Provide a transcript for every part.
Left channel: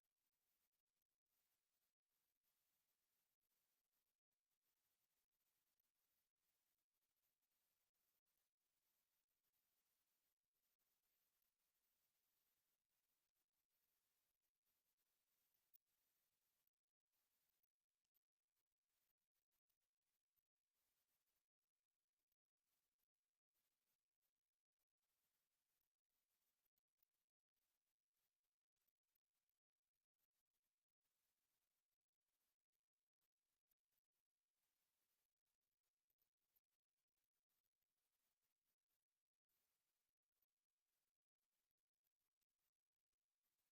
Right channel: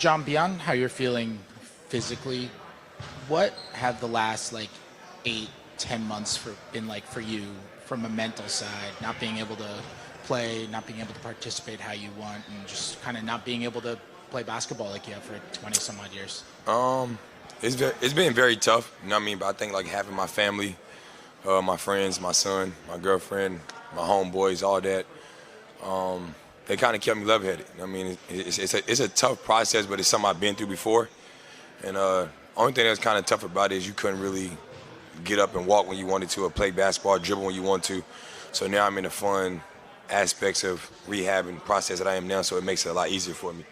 John, beyond how you're feeling physically, what have the last like 8-10 months been like for you from a mental side? Not being able to play, not being able to participate how you want, and just kind of not being able to play basketball like you have for 20 some odd years. It's been very tough. You know what I mean? But I think like having my family, my friends, my son, my girlfriend, my homeboys, all that. They kind of kept me level-headed. I mean, it's a tough process, but it's something I've been through before. And only thing that's kind of tough about it is you couldn't really get up and walk when you wanted to, or play basketball, dribble when you want to. So now I'm in the fun aspects of rehab and process that I am now, so it makes it a lot easier for me.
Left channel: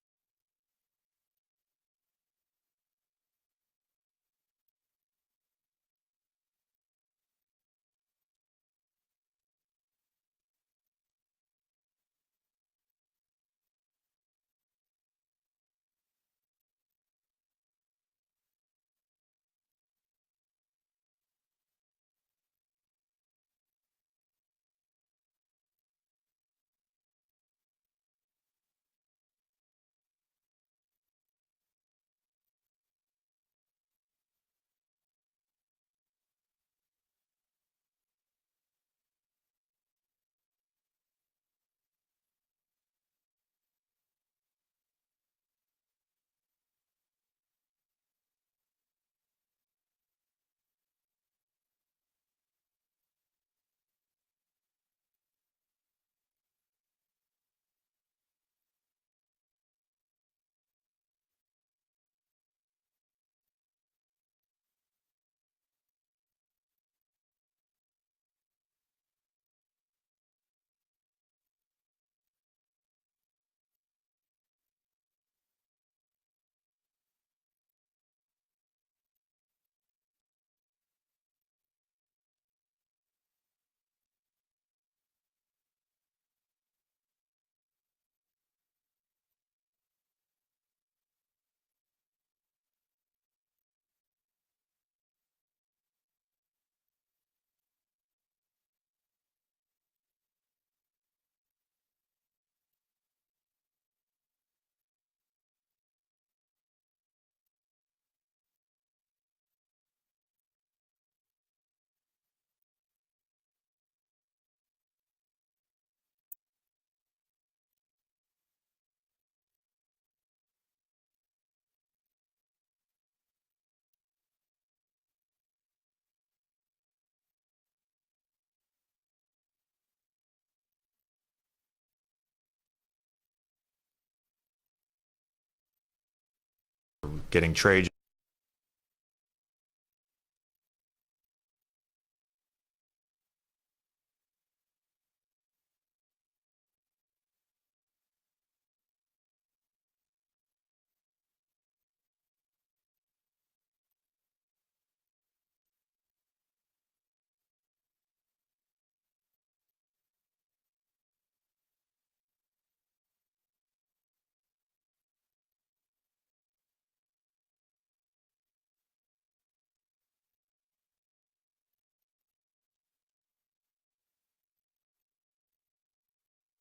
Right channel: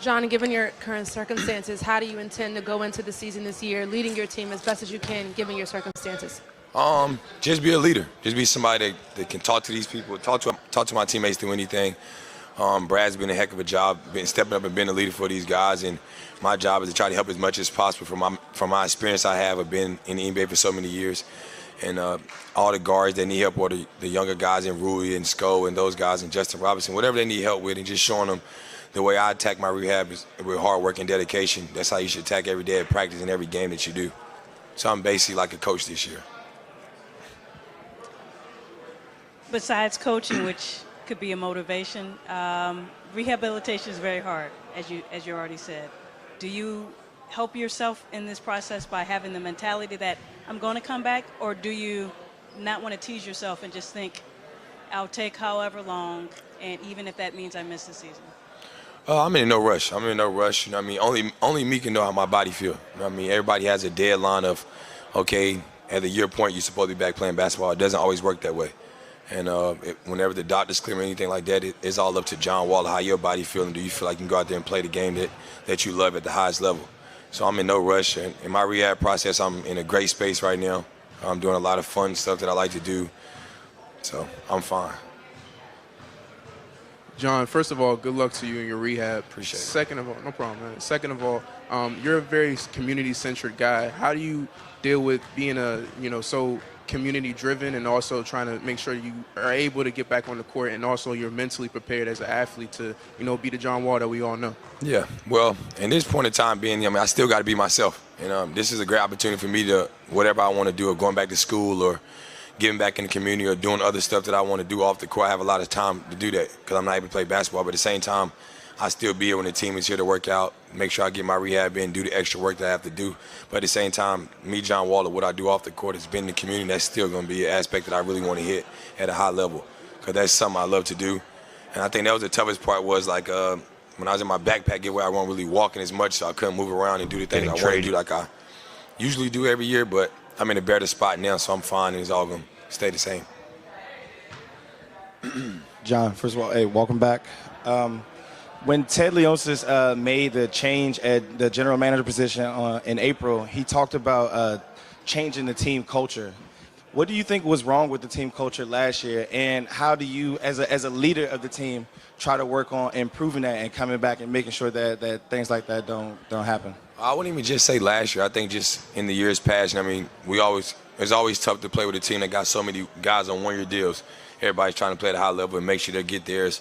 John, given your current circumstances, how do you intend to go into the season this year, leading your team as best as you can, given your circumstances? Just be a leader. Just be somebody that can talk to these people, talk to my teammates through anything. Brad's been a heck of a job, been stepping up and being a leader for these guys, and my job is to try to help as much as possible from my experience I have of being in the NBA for so many years. And all the guards that need help, or the younger guys in Rudy and Sko and those guys and Justin Robinson, whatever they need help with, and just showing them the way I attack my rehab is with hard work and dedication. That's how you should attack every day at practice and every game that you do. So I'm basically like a coach this year. Besides coaching, which could be a motivation, rehabilitation is very hard, as you already said. Do you help yourself in this process by having the mentality that I'm going to come back, or do you not want to tease yourself and just think, I'll take however long, and even if that means I miss the season? I'm in no rush. You know what I mean? Only me can know how my body feel. You know what I mean? Everybody has a deadline of, okay, at the year point, you're supposed to be back playing basketball. It doesn't always work that way. And whenever the doctors clear or anything like that, it's all up to John Wall, how your body feeling. Do you feel like you can go out there and play the game that you love at the highest level? So I'm in no rush. And in my rehab process, I'm in a great space right now. I'm doing a lot of fun stuff that I like to do. So I'm fine. John, first of all, good luck to you in your rehab. Appreciate it. Second of all, no problem, man. Second of all, you're a very community-centric guy. How do you deal with being so community-driven and also trying to make sure you are able to get back on the court, and also you're mentally prepared as an athlete to, be the John Wall that we all know? Yeah, well, in this point in time I still got to be myself. And this is a great opportunity for me to, whatever I want to do, or going back to school, or giving back in the community, or doing other stuff that I want to do off the court. I have a lot of time to do that because I'm not able to play basketball. But at the same time, I still be here when the team is here to work out, make sure I get my rehab in, do the extra work that I have to do. But at the same time, me, John Waller, what I do off the court has been in the community. That's still going to be an aspect that I really want to hit at a high level, because that's something I love to do. And I think that was the toughest part, was like when I was in my backpack get where I wasn't really walking as much, so I couldn't move around and do the things I want to do like I usually do every year. But I'm in a better spot now, so I'm fine, and it's all going to stay the same. John, first of all, hey, welcome back. When Ted Leonsis made the change at the general manager position in April, he talked about changing the team culture. What do you think was wrong with the team culture last year, and how do you, as a leader of the team, try to work on improving that and coming back and making sure that things like that don't happen? I wouldn't even just say last year. I think just in the years past. I mean, it's always tough to play with a team that got so many guys on one-year deals. Everybody's trying to play at a high level and make sure they get theirs.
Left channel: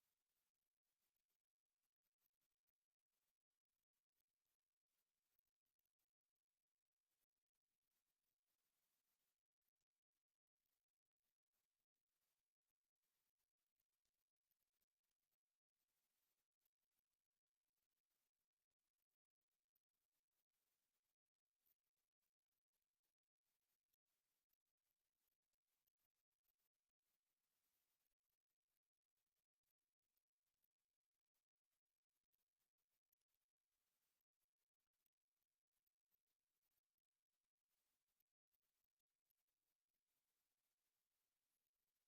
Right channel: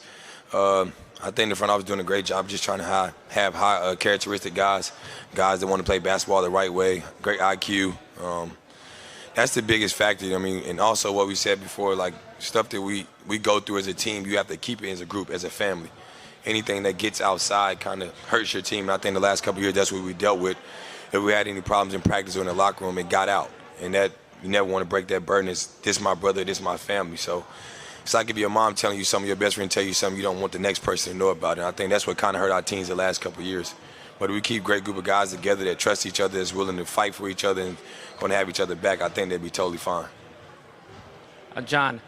I think the front office is doing a great job just trying to have high characteristic guys that want to play basketball the right way, great IQ. That's the biggest factor. I mean, and also what we said before, like stuff that we go through as a team, you have to keep it as a group, as a family. Anything that gets outside kind of hurts your team. And I think the last couple of years, that's what we dealt with. If we had any problems in practice or in the locker room, it got out. And that, you never want to break that burden. It's, this my brother, this my family. So it's like if your mom telling you something, your best friend tell you something, you don't want the next person to know about it. And I think that's what kind of hurt our teams the last couple of years. But if we keep a great group of guys together that trust each other, that's willing to fight for each other and going to have each other back, I think they'd be totally fine. John,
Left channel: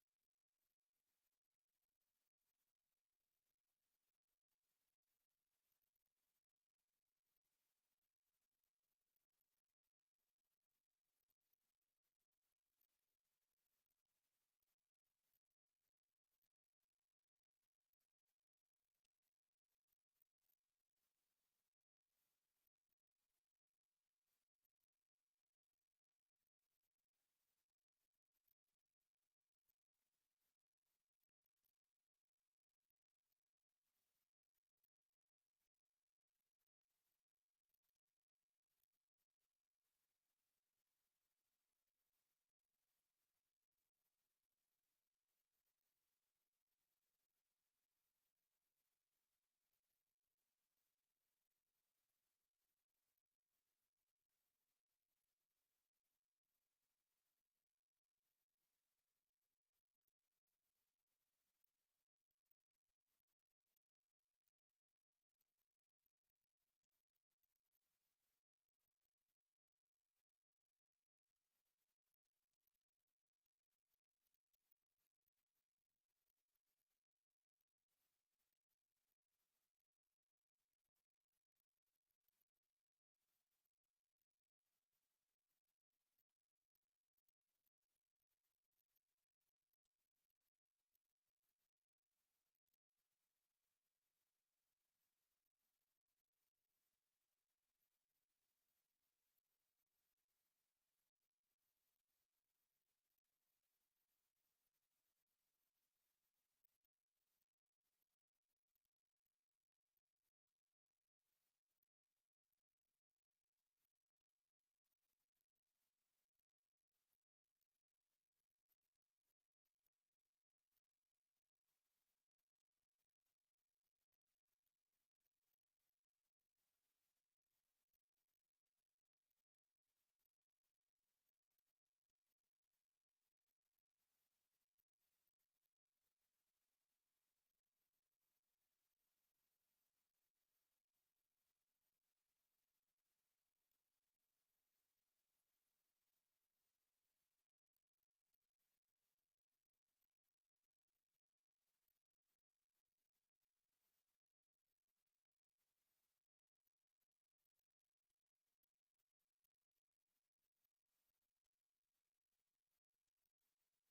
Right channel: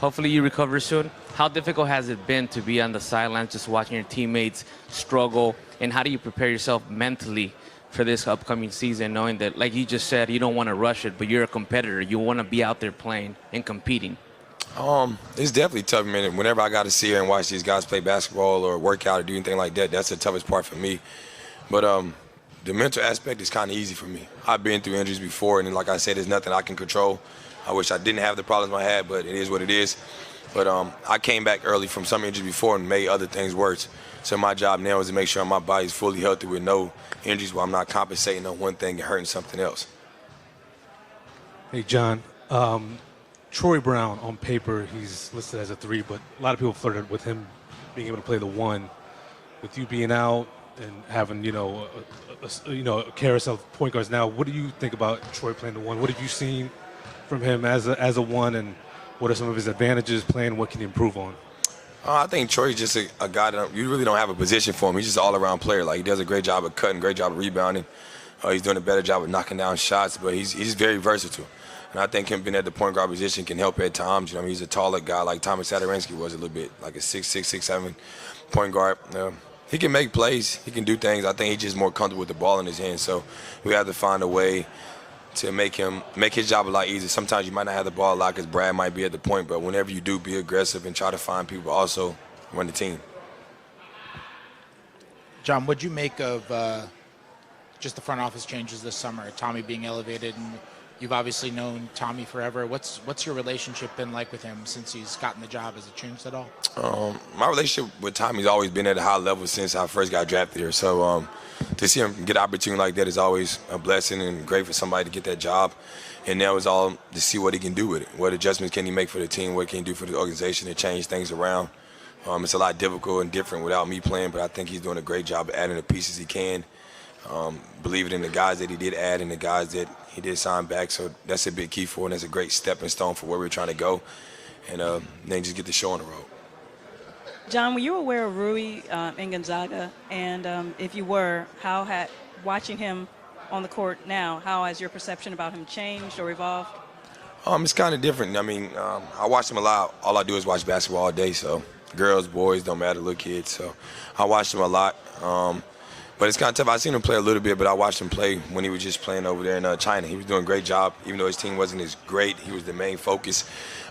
hopefully you recover soon. How difficult has it been to be on the sidelines just watching your teammates struggle, and how do you prepare yourself mentally for this upcoming season, knowing that, like you just said, you don't want to rush it, but you're a competitor. You want to be out there playing and competing. It's definitely tough, man. Whenever I got to see and watch these guys play basketball or work out or do anything like that, that's the toughest part for me. But the mental aspect is kind of easy for me. I've been through injuries before, and like I said, there's nothing I can control. I wish I didn't have the problems I had, but it is what it is. But I came back early from some injuries before and made other things worse. So my job now is to make sure my body's fully healthy with no injuries while I'm not compensating on one thing and hurting something else. Hey, John. Troy Brown, on paper, he's listed as a 3, but a lot of people flirted with him being able to play the 1. With you being out and having, a carousel of point guards now, what do you think about Troy playing the 1? What have you seen from him as a 1, and what are some of his advantages playing? What can he improve on? I think Troy's just a guy that you really don't have a position for him. He's just an all-around player. Like, he does a great job of cutting, great job of rebounding. He's doing a better job of knocking down shots, but he's very versatile. And I think him being at the point guard position can help at times. He's a taller guy like Thomas Sadaransky was a little bit, like a 6'6", 6'7" point guard. He can make plays. He can do things. I think he's just more comfortable with the ball in his hands. So we have to find a way to make his job a lot easier. Sometimes you might not have the ball a lot because Brad might be at the point, but whenever you do, be aggressive and try to find people, but also run the team. John, what'd you make of just the front office changes this summer? Tommy being elevated, and you've obviously known Tommy forever. What's your relationship been like with him since he's gotten the job? Has it changed at all? My relationship with Tommy's always been at a high level since I first got drafted here. So to see him get an opportunity like that is always a blessing and great for somebody to get that job. And now it's all to see what he can do with it. What adjustments can he make for the team? What can he do for the organization to change things around? It's a lot difficult and different without me playing, but I think he's doing a great job of adding the pieces he can. Believing in the guys that he did add and the guys that he did sign back. So that's a big key for, and that's a great stepping stone for where we're trying to go. And then just get the show on the road. John, were you aware of Rui in Gonzaga? And if you were, how had watching him on the court now, how has your perception about him changed or evolved? It's kind of different. I mean, I watch him a lot. All I do is watch basketball all day. So girls, boys, don't matter, little kids. So I watch him a lot. But it's kind of tough. I've seen him play a little bit, but I watched him play when he was just playing over there in China. He was doing a great job. Even though his team wasn't as great, he was the main focus.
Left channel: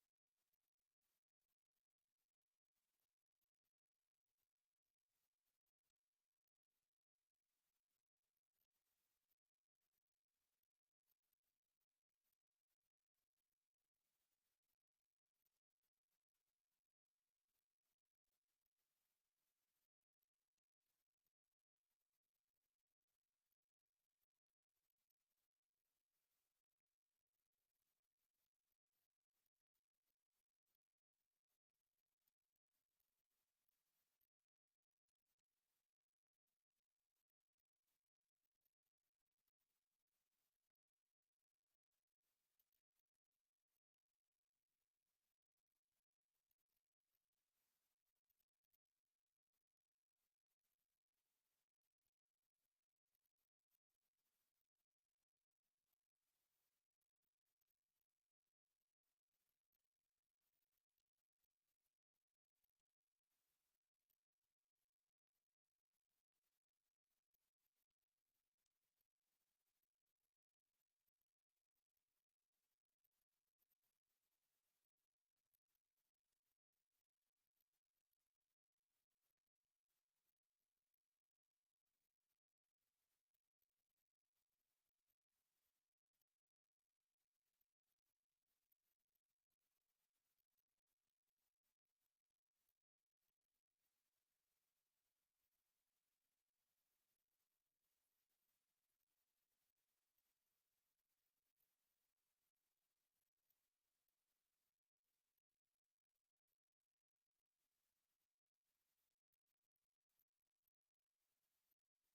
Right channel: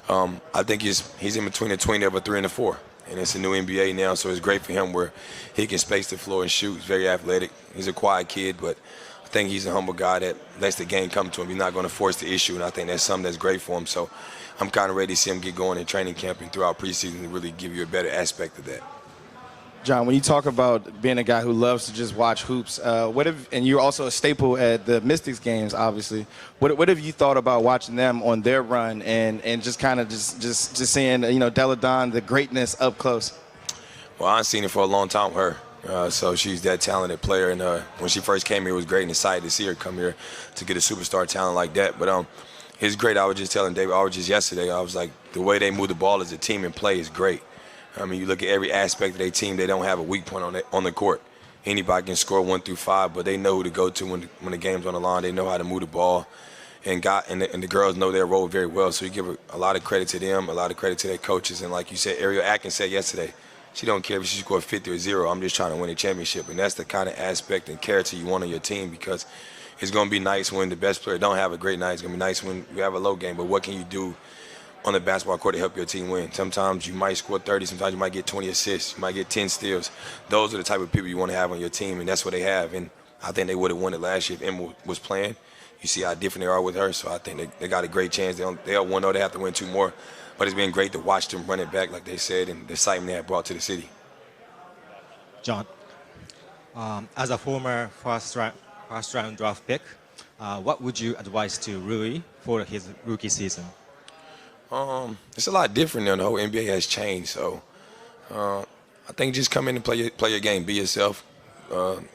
I think he's in between the 20 of a 3 and a 4. And it's a new NBA now, so it's great for him where he can space the floor and shoot. He's very athletic. He's a quiet kid, but I think he's a humble guy that lets the game come to him. He's not going to force the issue, and I think that's something that's great for him. So I'm kind of ready to see him get going in training camp and throughout preseason to really give you a better aspect of that. John, when you talk about being a guy who loves to just watch hoops, and you're also a staple at the Mystics games, obviously. What have you thought about watching them on their run and just kind of just seeing Della Don, the greatness up close? Well, I've seen it for a long time with her. So she's that talented player, and when she first came here, it was great and excited to see her come here to get a superstar talent like that. But it's great. I was just telling David Aldridge yesterday, I was like, the way they move the ball as a team and play is great. I mean, you look at every aspect of their team, they don't have a weak point on the court. Anybody can score 1 through 5, but they know who to go to when the game's on the line. They know how to move the ball, and the girls know their role very well. So you give a lot of credit to them, a lot of credit to their coaches. And like you said, Ariel Atkins said yesterday, she don't care if she scored 50 or 0. I'm just trying to win a championship, and that's the kind of aspect and character you want on your team, because it's going to be nice when the best player don't have a great night. It's going to be nice when you have a low game, but what can you do on the basketball court to help your team win? Sometimes you might score 30, sometimes you might get 20 assists, you might get 10 steals. Those are the type of people you want to have on your team, and that's what they have. And I think they would have won it last year if Emma was playing. You see how different they are with her, so I think they got a great chance. They'll 1-0, they have to win 2 more. But it's been great to watch them run it back, like they said, and the excitement they have brought to the city. John, as a former first round draft pick, what would you advise to Rui for his rookie season? It's a lot different now. The whole NBA has changed, so I think just come in and play your game. Be yourself.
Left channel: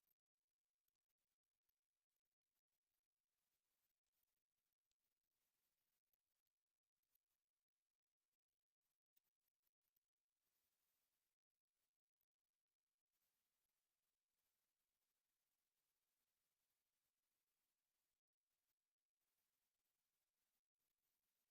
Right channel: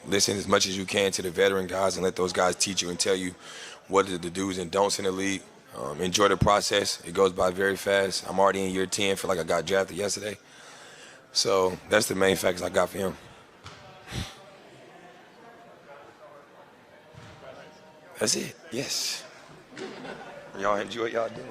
Listen as much as you can to the veteran guys and let those guys teach you and tell you what are the do's and don'ts in the league. Enjoy the process. It goes by very fast. I'm already in year 10. Feel like I got drafted yesterday. So that's the main factors I got for him. That's it. Yes. Y'all enjoy what y'all doing.